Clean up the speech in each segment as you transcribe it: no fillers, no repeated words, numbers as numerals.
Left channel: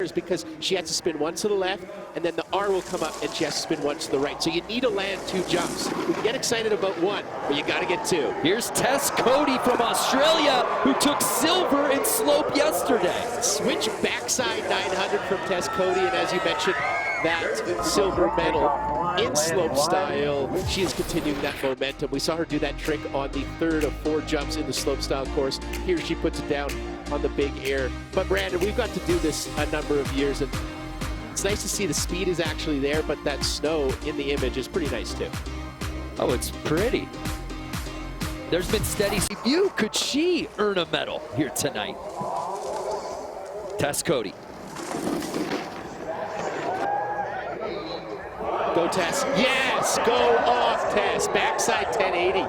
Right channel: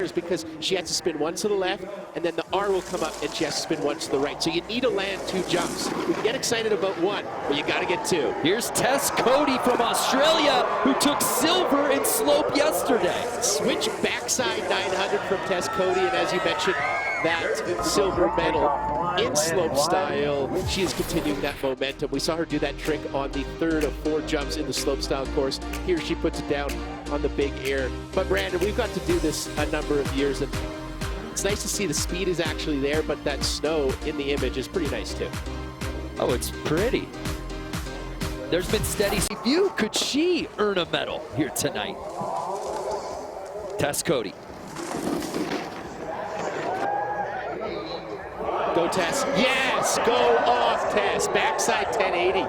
is because she has to spin one to the left, and then the R will come up, and she has to spin one to the right. So you need to land 2 jumps. We can get excited about one, but you got to get 2. Here's Tess Cody from Australia, who took silver in slope yesterday. Switch backside 900 from Tess Cody, and as you mentioned, that silver medal in slope style. She is continuing that momentum. We saw her do that trick on the 3rd of 4 jumps in the slope style course. Here she puts it down on the big air. But Brandon, we've got to do this a number of years, and it's nice to see the speed is actually there, but that snow in the image is pretty nice too. Oh, it's pretty. There's been steady view. Could she earn a medal here tonight? Tess Cody. Go Tess. Yes, go off Tess. Backside 1080.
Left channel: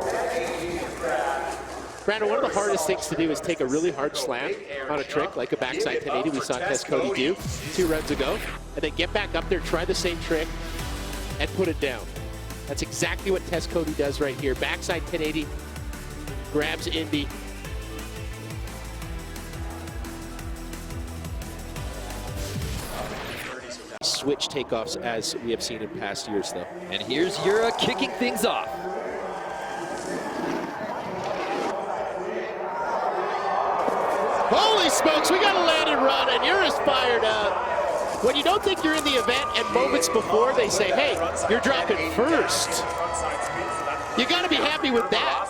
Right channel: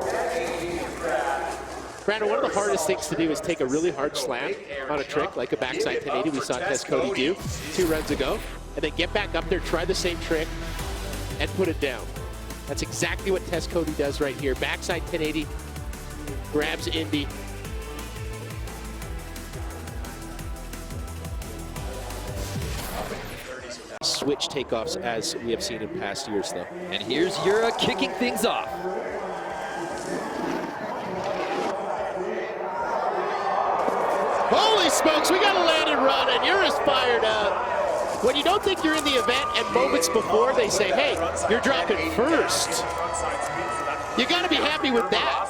Brandon, one of the hardest things to do is take a really hard slam on a trick like a backside 1080 we saw Tess Cody do 2 runs ago, and then get back up there, try the same trick, and put it down. That's exactly what Tess Cody does right here. Backside 1080, grabs Indy. Switch takeoffs as we have seen in past years though. And here's Yura kicking things off. Holy smokes, we got a land and run, and Yura's fired up. When you don't think you're in the event, and moments before they say, hey, you're dropping first. You got to be happy with that.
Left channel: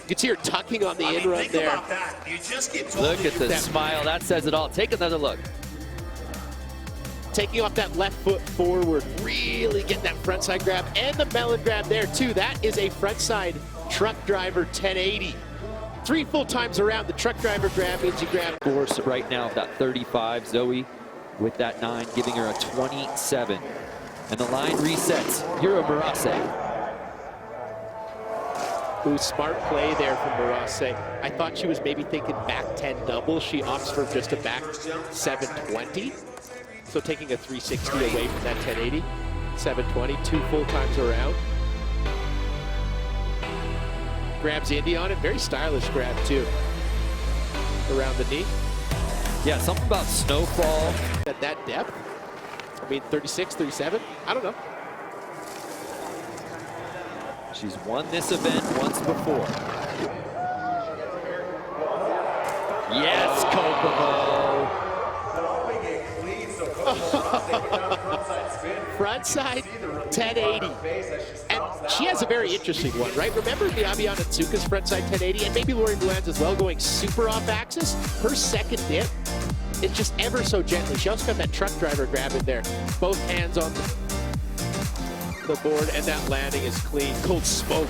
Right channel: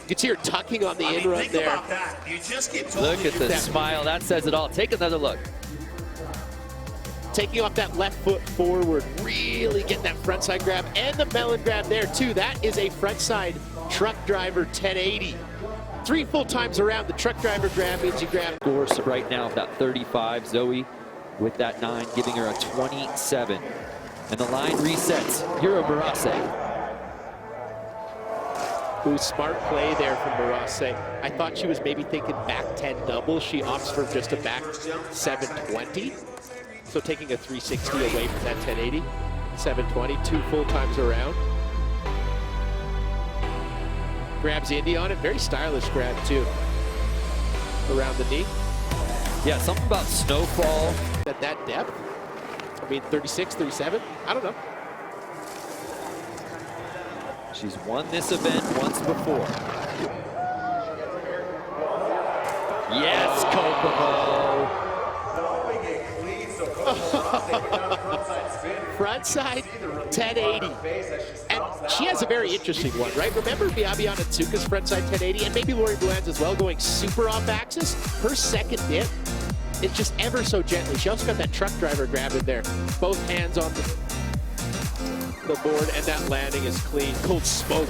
You can see her tucking on the in run there. Look at the smile, that says it all. Take another look. Taking off that left foot forward, really getting that front side grab, and the melon grab there too. That is a front side truck driver 1080. 3 full times around. The truck driver grab means you grab. Course right now of that 35, Zoe with that 9, giving her a 27. And the line resets, Yura Barase. Ooh, smart play there from Barase. I thought she was maybe thinking back 10 double. She opts for just a back 720. So taking a 360 away from that 1080, 720, 2 full times around. Grabs Indy on it, very stylish grab too. Around the knee. Yeah, something about snowfall. At that depth, I mean 36, 37, I don't know. She's won this event once before. Yes, Kokomo. Frontside 1080, and she has a very interesting one, right? Remember Miyabi Onitsuka's frontside 1080, and maybe Lori Bland's as well, going super off axis? Her second dip is just ever so gently. She also got that truck driver grab in there. Both hands on the board, and that landing is clean. Cold smoke.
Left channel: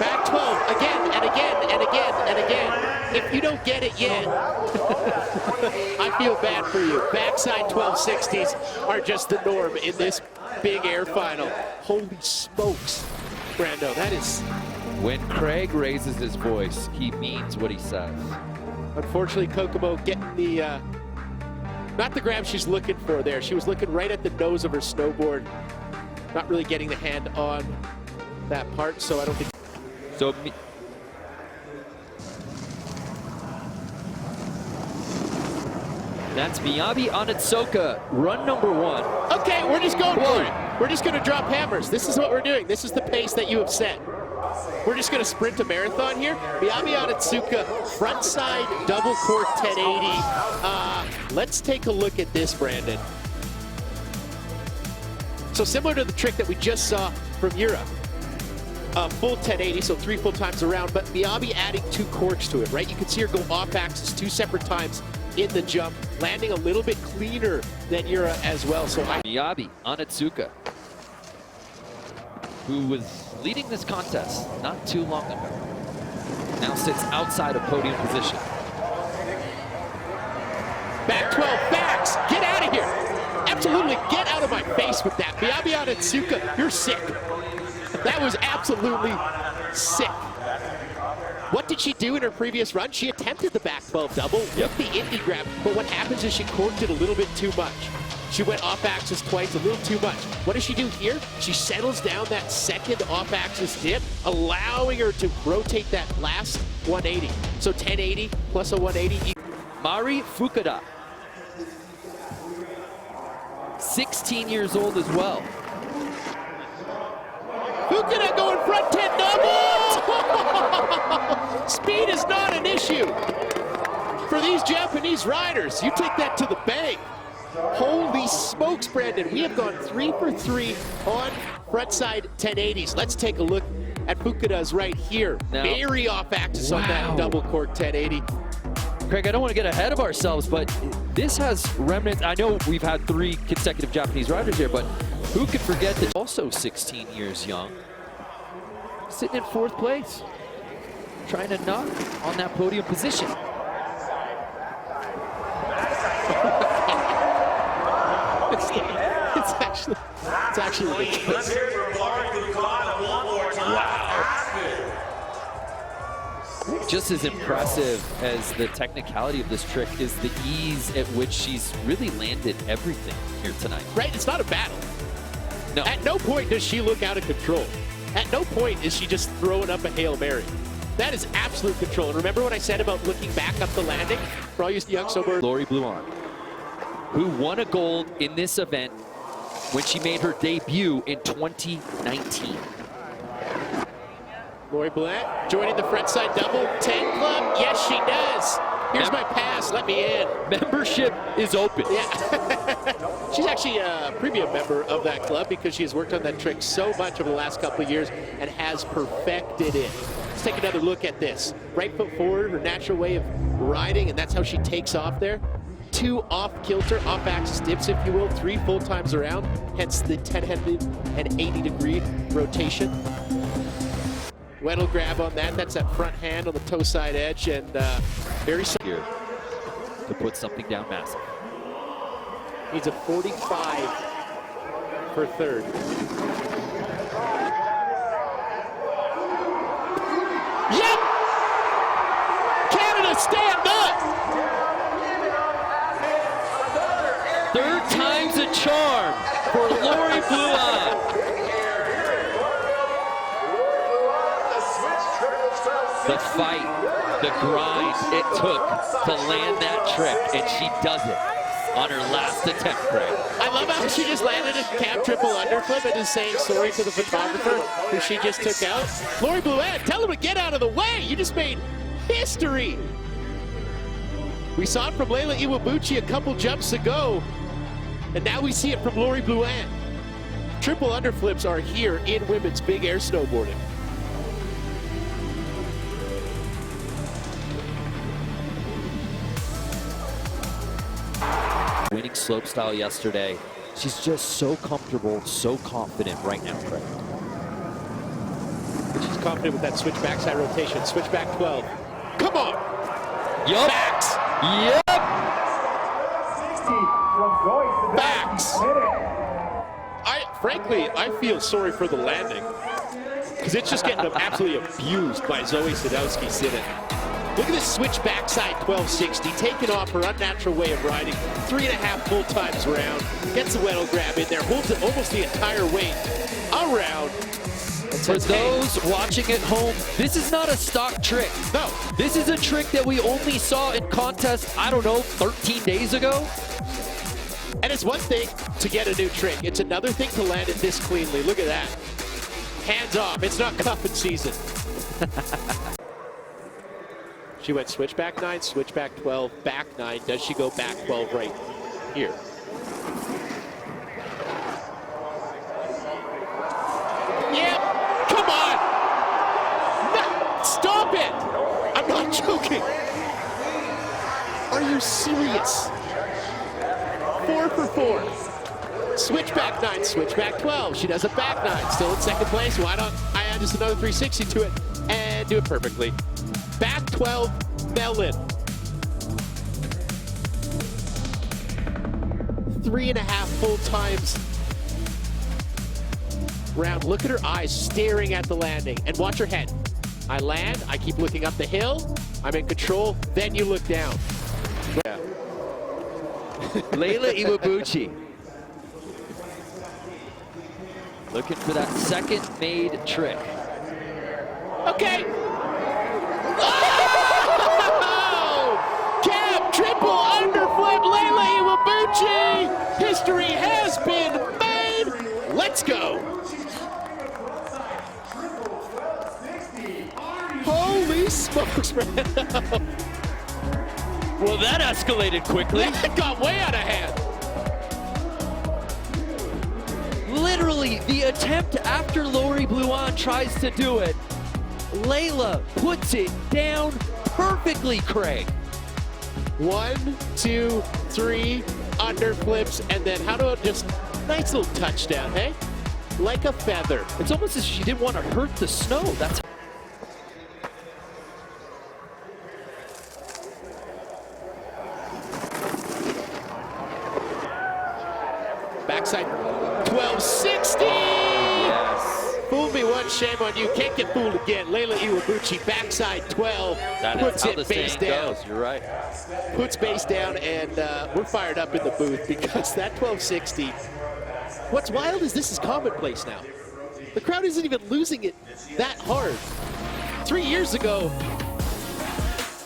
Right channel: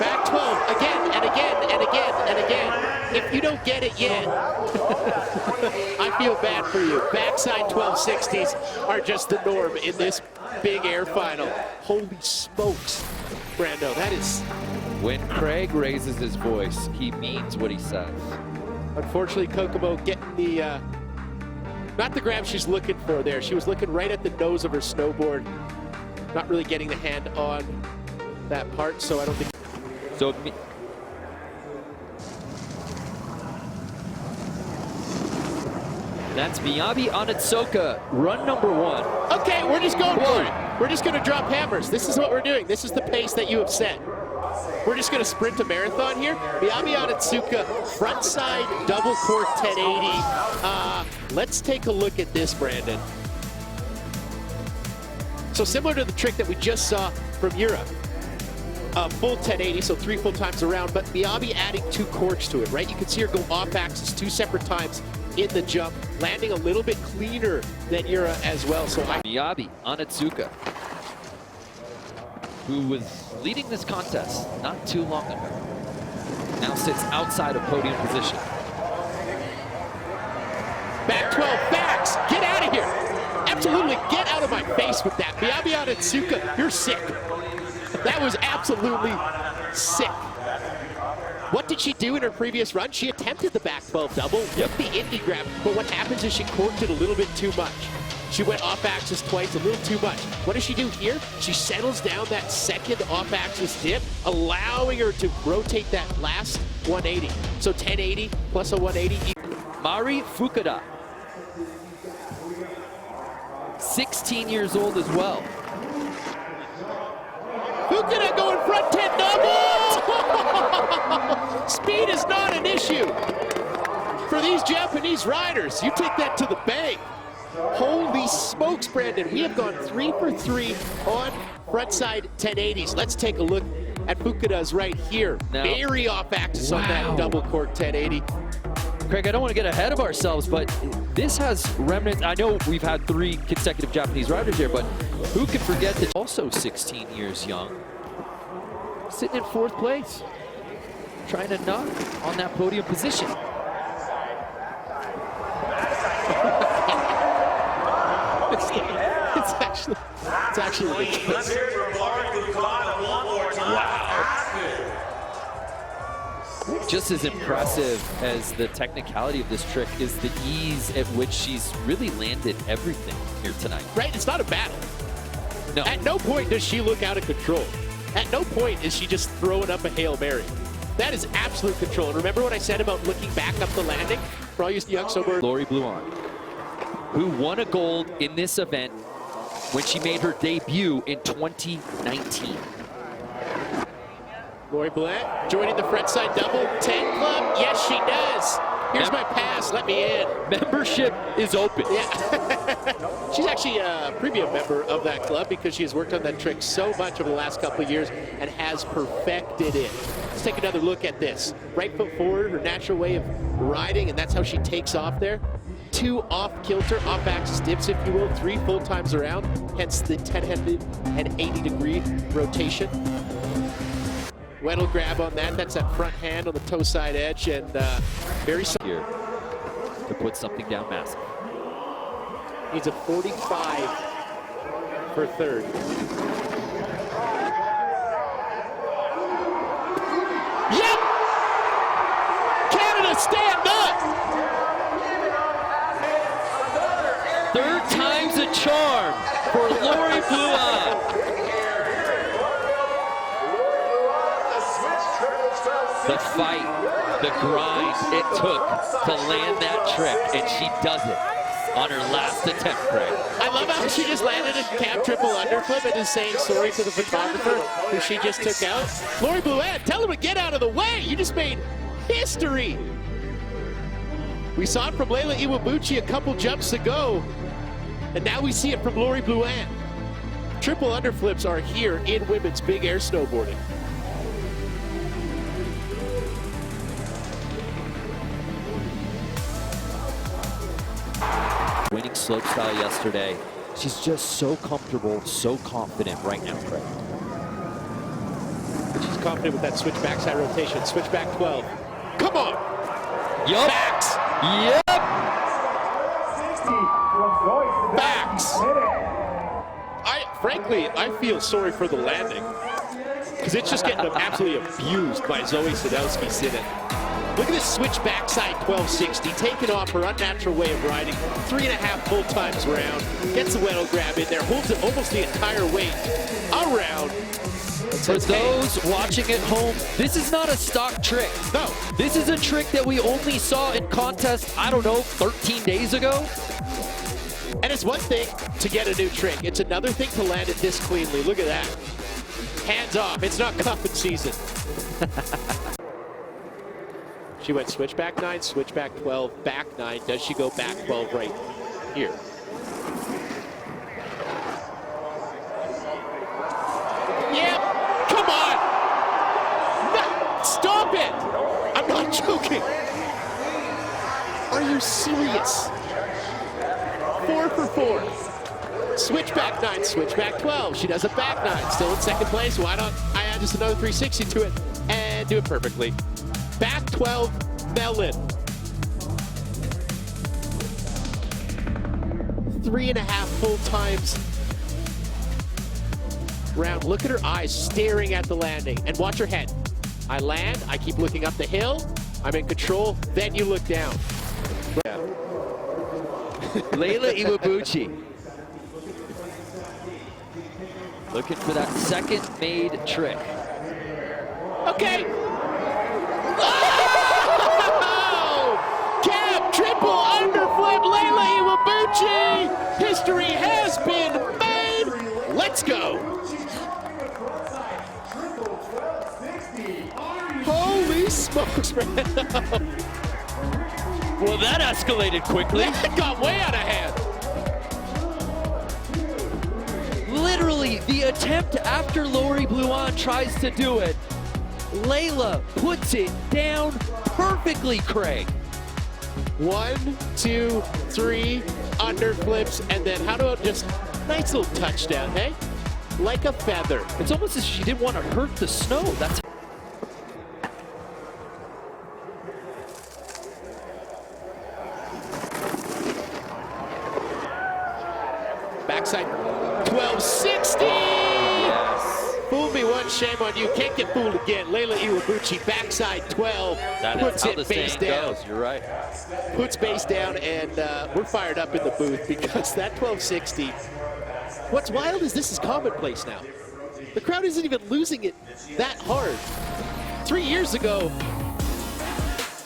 Back 12, again, and again, and again, and again. If you don't get it yet, I feel bad for you. Backside 1260s are just the norm in this big air final. Holy smokes, Brando, that is... When Craig raises his voice, he means what he says. Unfortunately, Kokomo getting the, not the grab she's looking for there. She was looking right at the nose of her snowboard. Not really getting the hand on that part, so I don't think... So that's Miyabi Onitsuka, run number 1. Okay, we're just going for it. We're just going to drop hammers. This is what we're doing. This is the pace that you have set. We're just going to sprint a marathon here. Miyabi Onitsuka, frontside double cork 1080. Let's take a look at this, Brandon. So similar to the trick that we just saw from Europe. Full 1080, so 3 full times around, but Miyabi adding 2 corks to it, right? You can see her go off axis 2 separate times in the jump, landing a little bit cleaner than Yura as well. So Miyabi Onitsuka, who was leading this contest not too long ago, now sits outside of podium position. Back 12, backs, get out of here. Absolutely, get out of my face with that. Miyabi Onitsuka, you're sick. That was absolutely sick. What did she do in her previous run? She attempted the back 12 double with the Indy grab, but what happens is she corked it a little bit too much. She went off axis twice, a little too much. What does she do here? She settles down that second off axis dip, allowing her to rotate that last 180. So 1080 plus a 180. Mari Fukuda, 16 years old as well. Fukuda going front 10 double! Speed is not an issue for these Japanese riders. You take that to the bank. Holy smokes, Brandon. We have gone 3 for 3 on frontside 1080s. Let's take a look at Fukuda's right here. Now, very off axis on that double cork 1080. Craig, I don't want to get ahead of ourselves, but this has remnants. I know we've had 3 consecutive Japanese riders here, but who could forget that also 16 years young, sitting in 4th place, trying to knock on that podium position. It's actually ridiculous. Just as impressive as the technicality of this trick is the ease at which she's really landed everything here tonight. Right, it's not a battle. No. At no point does she look out of control. At no point is she just throwing up a Hail Mary. That is absolute control. And remember what I said about looking back up the landing? For all you young snowboarders. Lori Bluon, who won a gold in this event when she made her debut in 2019. Lori Bluon joining the frontside double 10 club. Yes, she does. Here's my pass. Let me in. Membership is open. Yeah. She's actually a premium member of that club because she has worked on that trick so much over the last couple of years and has perfected it. Let's take another look at this. Right foot forward, her natural way of riding, and that's how she takes off there. 2 off-kilter, off-axis dips, if you will, 3 full times around, hence the 1080-degree rotation. Weddle grab on that. That's that front hand on the toe side edge, and very Here to put something down massive. needs a 45 for 3rd. Yep! Canada, stand up! 3rd time's a charm for Lori Bluon. The fight, the grind it took to land that trick, and she does it on her last attempt, Craig. I love how she just landed a cab triple underflip and is saying sorry to the photographer who she just took out. Lori Bluon, tell him to get out of the way. You just made history. We saw it from Leila Iwabuchi a couple jumps ago, and now we see it from Lori Bluon. Triple underflips are here in women's big air snowboarding. Winning slopestyle yesterday. She's just so comfortable, so confident right now. She's confident with that switch backside rotation. Switch back 12. Come on! Yep. Backs! Yep! Backs! Frankly, I feel sorry for the landing because it's just getting absolutely abused by Zoe Sadowski-Synnott. Look at this switch backside 1260, taking off her unnatural way of riding, 3.5 full times around, gets the Weddle grab in there, holds it almost the entire weight around. For those watching at home, this is not a stock trick. No. This is a trick that we only saw in contest, I don't know, 13 days ago. And it's one thing to get a new trick. It's another thing to land it this cleanly. Look at that. Hands off. It's not cuffing season. She went switch back 9, switch back 12, back 9. Does she go back 12 right here? Yep. Come on. No, stop it. I'm not joking. Are you serious? 4 for 4. Switch back 9, switch back 12. She does a back 9. Still in 2nd place. Why don't I add just another 360 to it and do it perfectly? Back 12, Mellon. 3.5 full times round. Look at her eyes staring at the landing. And watch her head. I land, I keep looking up the hill. I'm in control. Then you look down. Leila Iwabuchi Looking for that second made trick. Okay. Oh! Cab triple underfoot, Leila Iwabuchi. History has been made. Let's go. Holy smokes, man. Well, that escalated quickly. It got way out of hand. Literally, the attempt after Lori Bluan tries to do it, Leila puts it down perfectly, Craig. 1, 2, 3 underflips, and then how do I just nice little touchdown, hey? Like a feather. It's almost as if she didn't want to hurt the snow. That's backside 1260. yes. Fool me once, shame on you. Can't get fooled again. Leila Iwabuchi backside 12 That puts is how it the face saying down. goes. You're right. Puts base down, and we're fired up in the booth because that 1260. What's wild is this is commonplace now. The crowd isn't even losing it that hard. 3 years ago,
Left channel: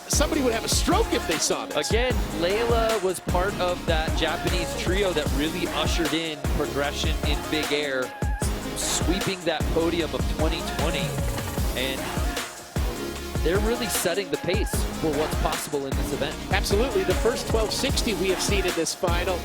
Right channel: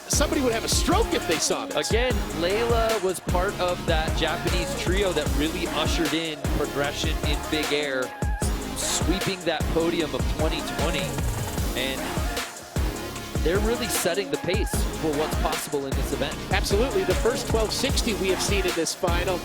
somebody would have a stroke if they saw this. Again, Leila was part of that Japanese trio that really ushered in progression in big air, sweeping that podium of 2020. And they're really setting the pace for what's possible in this event. Absolutely. The first 1260 we have seen in this final